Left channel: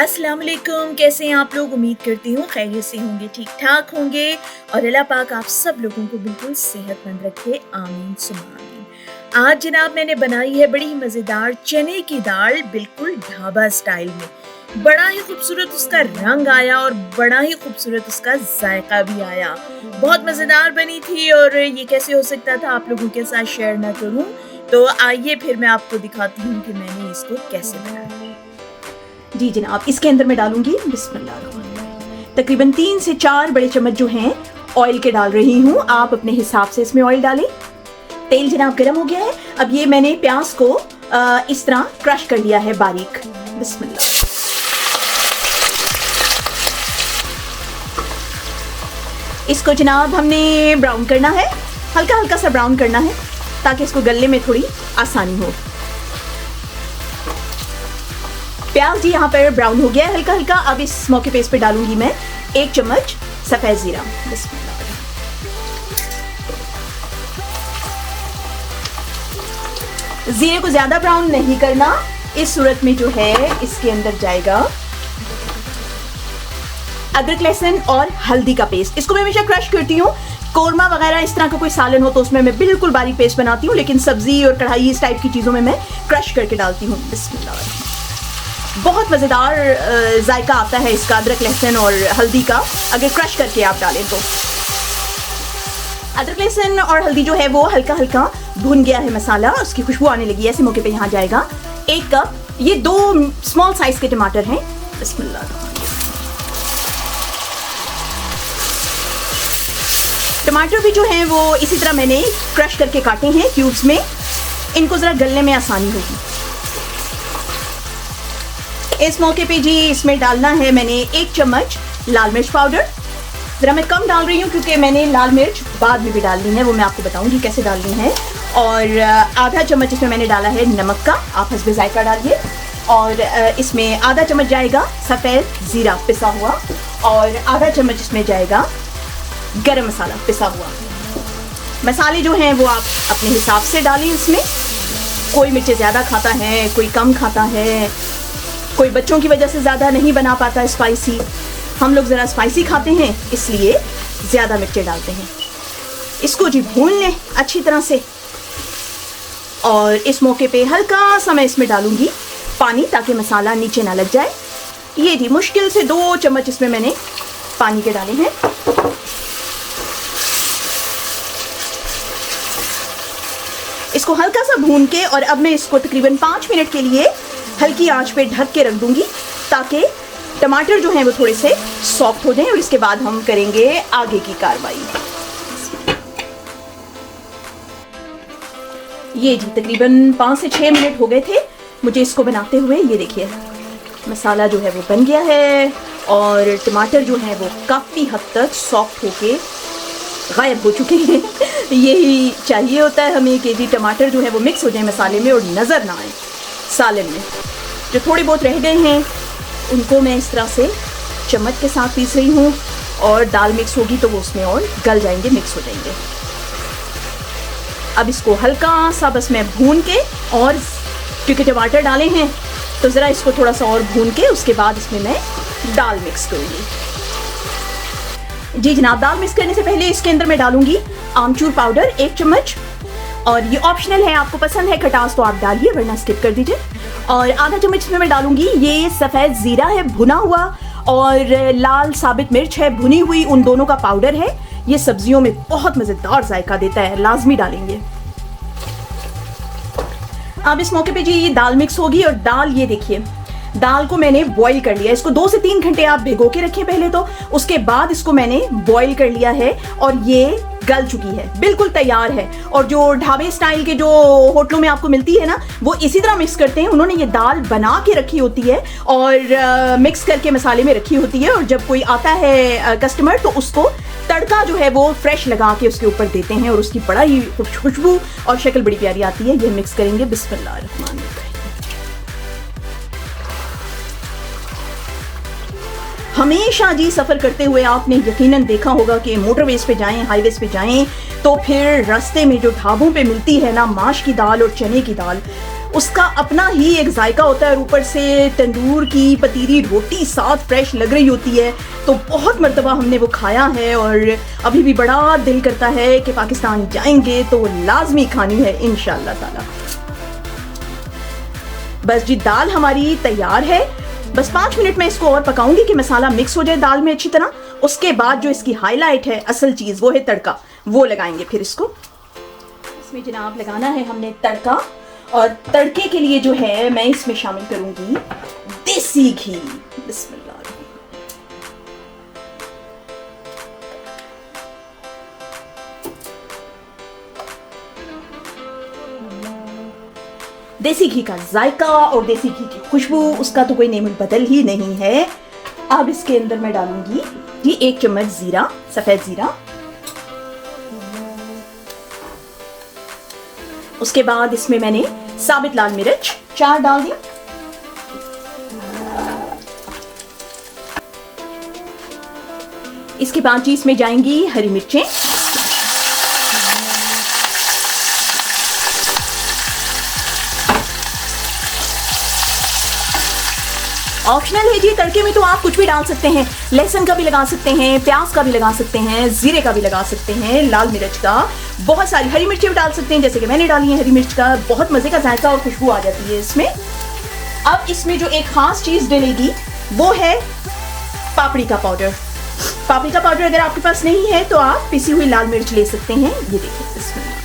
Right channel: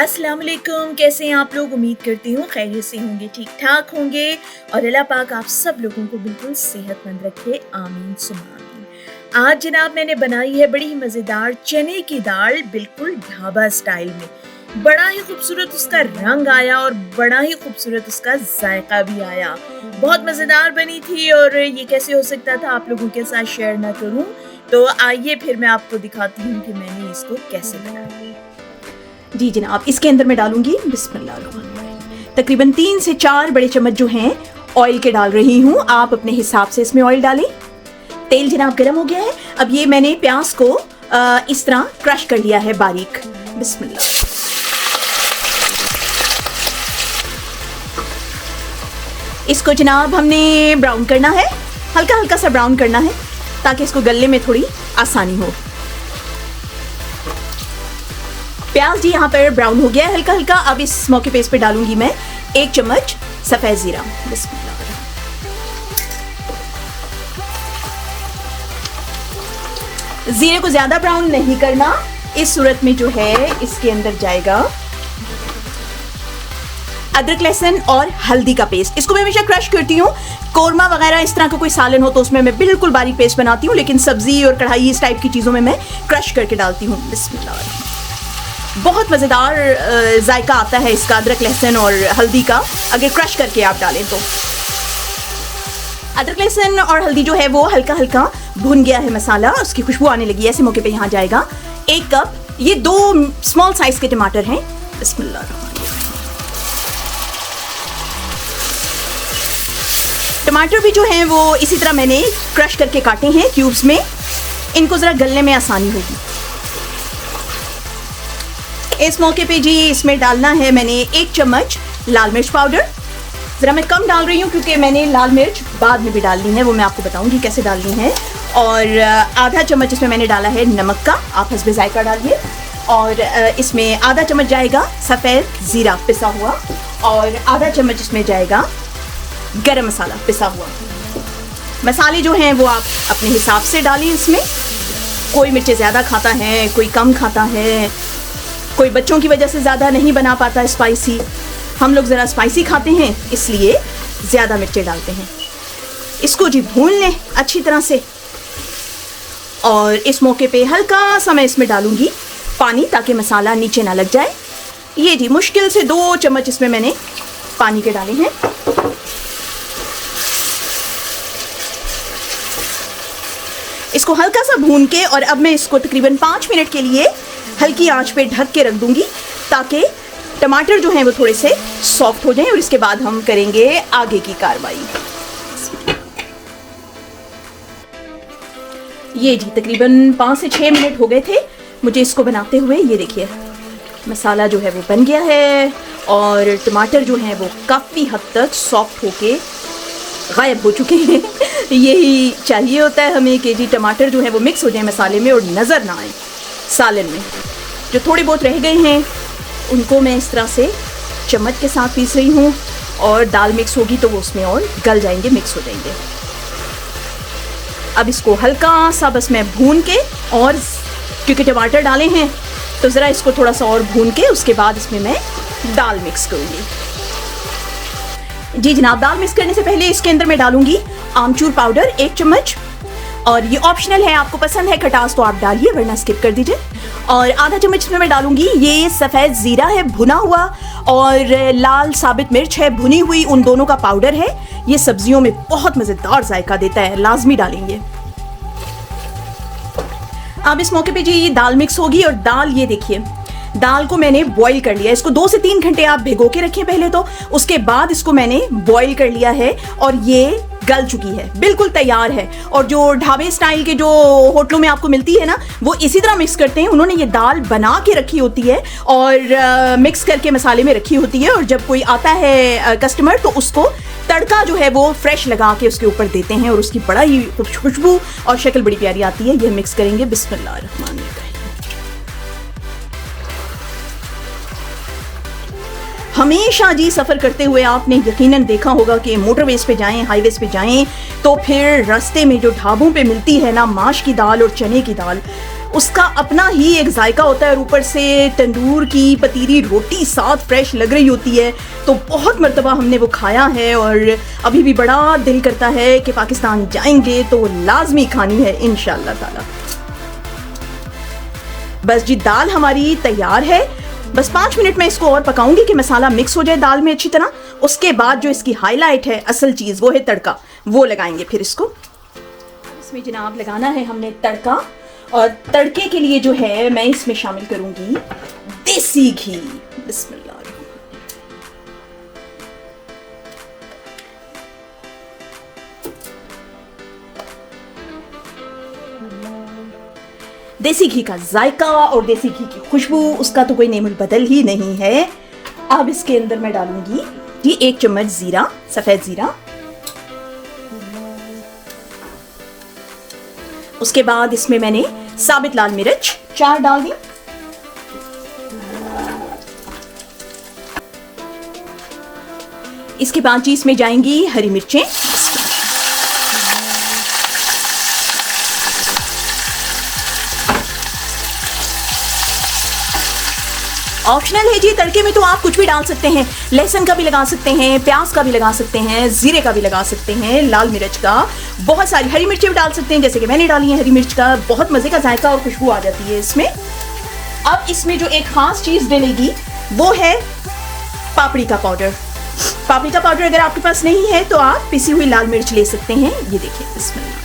अस्सलाम वालेकुम, कैसे हैं आप लोग? उम्मीद करती हूँ खैरियत से होंगे, ठीक ठाक होंगे और अल्लाह पाक आप सब लोगों को बिल्कुल सेहतमंद रखे, आमीन सुम्मा आमीन। आज जनाब मैंने बनाई है बड़ी ही मज़ेदार चने की दाल, बिल्कुल ढाबा स्टाइल में। बड़ा ही खूबसूरत उसका रंग आया और बड़ा ही खूबसूरत उसका जायका भी आया। बहुत मज़ेदार बनी थी और ये कैसे हो सकता था आप लोगों के साथ शेयर ना करूँ? तो आइए फिर मैं आपको दिखाती हूँ कि मैंने इसको कैसे बनाया। जी जनाब, इसके अंदर मैं डालूंगी बिस्मिल्लाह, तकरीबन 3 से 4 बड़े चम्मच जो हैं ऑयल के डाल रही हूँ। आप अपने हिसाब से इसमें ऑयल डालें। तेल जनाब गर्म हो गया है। अब ये मैंने प्याज को इस तरह क्रश कर लिया है बारीक। बिस्मिल्लाह। इसको जनाब हमने ब्राउन करना है, हल्का हल्का सा ब्राउन करना है ताकि इसको गलने में थोड़ी आसानी हो। प्याज जी यहाँ पर ब्राउन हो गया है हल्का हल्का। अब इस स्मोकी पेस्ट पे डालूंगी मैं 1 चम्मच सफेद जीरा। जीरे को ज्यादा ब्राउन नहीं करना। इस सूरत में जो है इसके अंदर जाएगा अदरक लहसुन और हल्दी का पेस्ट। इसको मैं हमेशा क्रश करती हूँ। कोरमा वगैरह इस तरह का कोई सालन हो तो उसमें मैं बिल्कुल बारीक पेस्ट बनाती हूँ, लेकिन सब्जी और कढ़ाई इस टाइप की चीजों में मैं क्रश करके डालती हूँ। बिस्मिल्लाह। बहुत मज़ेदार जायका आता है इसका अदरक लहसुन और हल्दी का अगर क्रश करके आप डालें तो। अदरक लहसुन और हल्दी जो है वो हल्का हल्का भून गया है मसाला, उसकी खुशबू आने लगी है। ऐसे मौके पे यहाँ जाएगा 1 कप। ये 2 स्मॉल साइज के टमाटर हैं। बिस्मिल्लाह। टमाटर भी जो है वो इसी तरह मैंने क्रश करके काटी हैं क्यूब्स में। इनको ज़रा गलने में आसानी होगी। इस मौके पे जी इसमें डालना है मैंने 1 चम्मच लाल मिर्च पाउडर। जरा मैं कम डाल रही हूँ क्योंकि मैंने लाल मिर्च बाद में भी डालनी है, वो मैं आपको बताऊंगी कैसे डालनी है। और आधा चम्मच इसमें मैंने डाला है नमक का, आप हस्बे जायका डालिए। और इसमें आधा चम्मच जाएगा सफ़ेद ज़ीरा पिसा हुआ और आधा चम्मच इसमें जाएगा गरम मसाला पिसा हुआ। मसाले जो हैं वो आप अपने हिसाब से डालिए। इसमें कोई मिर्चें ज़्यादा खाता है, कोई कम खाता है, कोई बच्चों की वजह से ज़्यादा नहीं बना पाता स्पाइसी। हम लोग ज़रा स्पाइसी खाते हैं इसलिए ज़्यादा मिर्ची डालते हैं। इसको जी भून लें अच्छी तरह से। और इस मौके पे हल्का सा मैं इसमें डालूंगी पानी ताकि मसाला नीचे ना लग जाए। ये जी मुश्किल से 2 चम्मच इसमें मैंने पानी के डाले हैं। इसको हल्का सा भून के और अब मैं इसको तकरीबन 5 मिनट के लिए हल्की आंच पे ढक के रख दूंगी ताकि टमाटर जो है वो थोड़े से सॉफ्ट हो जाए और इसके बाद हम करेंगे आगे की कार्रवाई। ये जी तकरीबन 5 से 6 मिनट हो गए थे मुझे इसको बनाते हुए। ये देखिए मसाला जो है वो बन गया है और टमाटर जो है वो काफ़ी हद तक सॉफ्ट होके गायब हो चुके हैं। यही चाहिए होता है हमें कि जी टमाटर जो है वो मिक्स हो जाए मसाले में और नज़र ना आए सालन में। जो थोड़े बहुत रह गए हैं उनको मैं इस तरह से चम्मच के साथ पीस रही हूँ और दाल मिक्स होगी तो वो उसमें और गल जाएंगे, मिक्स हो जाएंगे। अब इसको हल्का सा बस मैं भून के, और क्योंकि टमाटर डाले हैं तो ज़रा इसको थोड़ा सा और भून के उसके बाद इसमें मैं दाल मिक्स करूँगी। जी जनाब, दाल मिक्स करने से पहले इसके अंदर मैं डालूंगी आमचूर पाउडर 1 चम्मच। और ये ऑप्शनल है, आपको पसंद है खटास तो आप डालिए वरना स्किप कर दीजिए। और आधा चम्मच इसमें मैं डालूंगी ये सफ़ेद ज़ीरा है भुना हुआ और लाल साबित मिर्च है भुनी हुई, उन दोनों का पाउडर है। ये सब्जियों में बहुत मज़ेदार जायका देता है, लाजमी डालेंगे। अब इस मौके पे जी दाल मिक्स होगी और दाल ये देखिए दाल को मैंने बॉईल कर लिया। इसको 2 से 3 घंटे आप भिगो के रखिए पहले तो, उसके बाद इसको मैंने बॉईल कर लिया है और ये गल चुकी है, बिल्कुल तैयार है। और जो ढाबे स्टाइल के जो होटलों में आपको मिलती है ना, वो इसी तरह मिक्स करते हैं। उन्होंने ये दाल बना के रखी होती है और मिक्स करके मसाले में रखी होती है और जब कोई आता है कस्टमर तो उसको तड़का जो है वो फ्रेश लगा के उसके ऊपर देते हैं और उसकी बड़ा ही खुशबू और शक्ल बड़ी प्यारी आती है। ये मिक्स करेंगे। बिस्मिल्लाह रहमान रहीम। हमेशा जी सफ़र करते हुए आपने यकीनन देखा होगा कि मोटरवेज पे जाएं, हाईवेज पे जाएं तो फिर रास्ते में जो ढाबों पे मिलती है ना माश की दाल और चने की दाल, उसका अपना ही एक जायका होता है और ऊपर से तंदूर की पतीली रोटी साथ फ्रेश लग रही होती है। तो बहुत मर्तबा हमने वो खाया है और अभी भी बड़ा दिल करता है कि पाकिस्तान जाएंगे तो लाजमी खानी है इंशाअल्लाह ताला। बस जी दाल हमारी तैयार है। बस 5 मिनट में इसको और पकाऊंगी कि मसाला मिक्स हो जाए दाल में अच्छी तरह। उसके बाद जो इसकी हाईलाइट है, असल चीज, वो है तड़का। वो लगाएंगे फिर इसको। इसमें जनाब लगाना है हमने तड़का और तड़के के लिए जो है मैं इसमें शामिल करूंगी देसी घी। बिस्मिल्लाह। देसी घी का जायका और देसी घी की खुशबू, उसका तो कोई नेमुल बदल ही नहीं है। अब इसके अंदर मैं डालूंगी ये 1 चम्मच जीरा, सफेद जीरा। उसके बाद इसमें मैंने साबित लाल मिर्च 4 डाल दी। इसके बाद जी इसमें जाएंगी हरी मिर्चें। ऑप्शनल है जी, तड़के में तो आप कुछ भी डाल सकते हैं। लहसुन का भी लगा सकते हैं, प्याज का भी लगा सकते हैं, जीरे का भी लगा सकते हैं, लाल मिर्च का, बहुत सारी हरी मिर्चें भी डाल सकते हैं जैसे कि मैंने डाली है हरी मिर्च का। बहुत मजे का जायका और खुशबू आ जाती है इसमें। अब इसमें जो एक खास चीज डलेगी वो है पापड़ी का पाउडर। पापड़ी का पाउडर अगर आपके पास नहीं है तो आप पिसी हुई लाल मिर्च ले सकते हैं। ये देखिए इसमें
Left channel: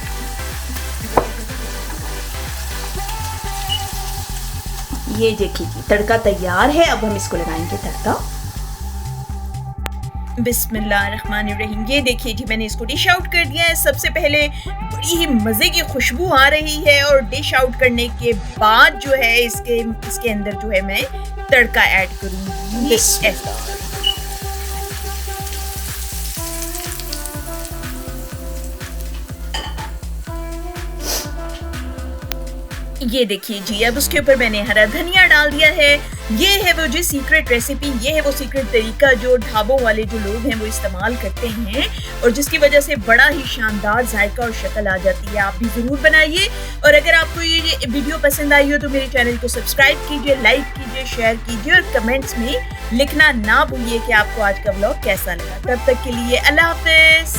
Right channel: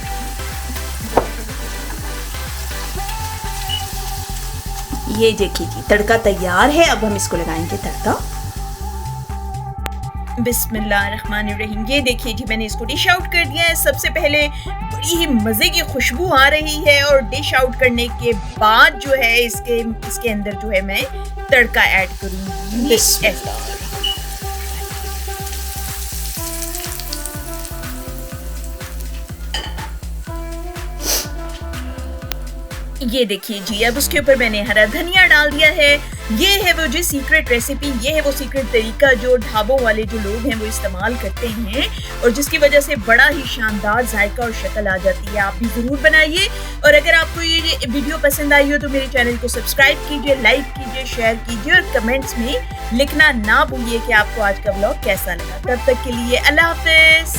ये देखिए तड़का तैयार है। अब हम इसको लगाएंगे तड़का। बिस्मिल्लाहिर्रहमानिर्रहीम। ये देखिए जी मैंने इसको डिश आउट कर दिया है। सबसे पहले बड़ी ही मजे की खुशबू आ रही है और डिश आउट करने के बाद जो है इसके अंदर जो है मैं तड़का ऐड करूंगी। ये देखिए जी, अब उसके ऊपर मैंने हरा धनिया डाल दिया है। ये है वो जो सीक्रेट रेसिपी, ये है वो सीक्रेट तरीका जो ढाबों वाले जो लोग हैं वो इस्तेमाल करते हैं और जिसकी वजह से बड़ा ही शानदार जायका और शक्ल आ जाती है। आप भी जरूर बनाइए और अगर आपको ये वीडियो पसंद आई हो तो मेरे चैनल को सब्सक्राइब कीजिए, लाइक कीजिए, शेयर कीजिए और कमेंट्स में लिखना ना भूलिए कि आपको आज का व्लॉग कैसा लगा। तब तक के लिए अल्लाह हाफिज।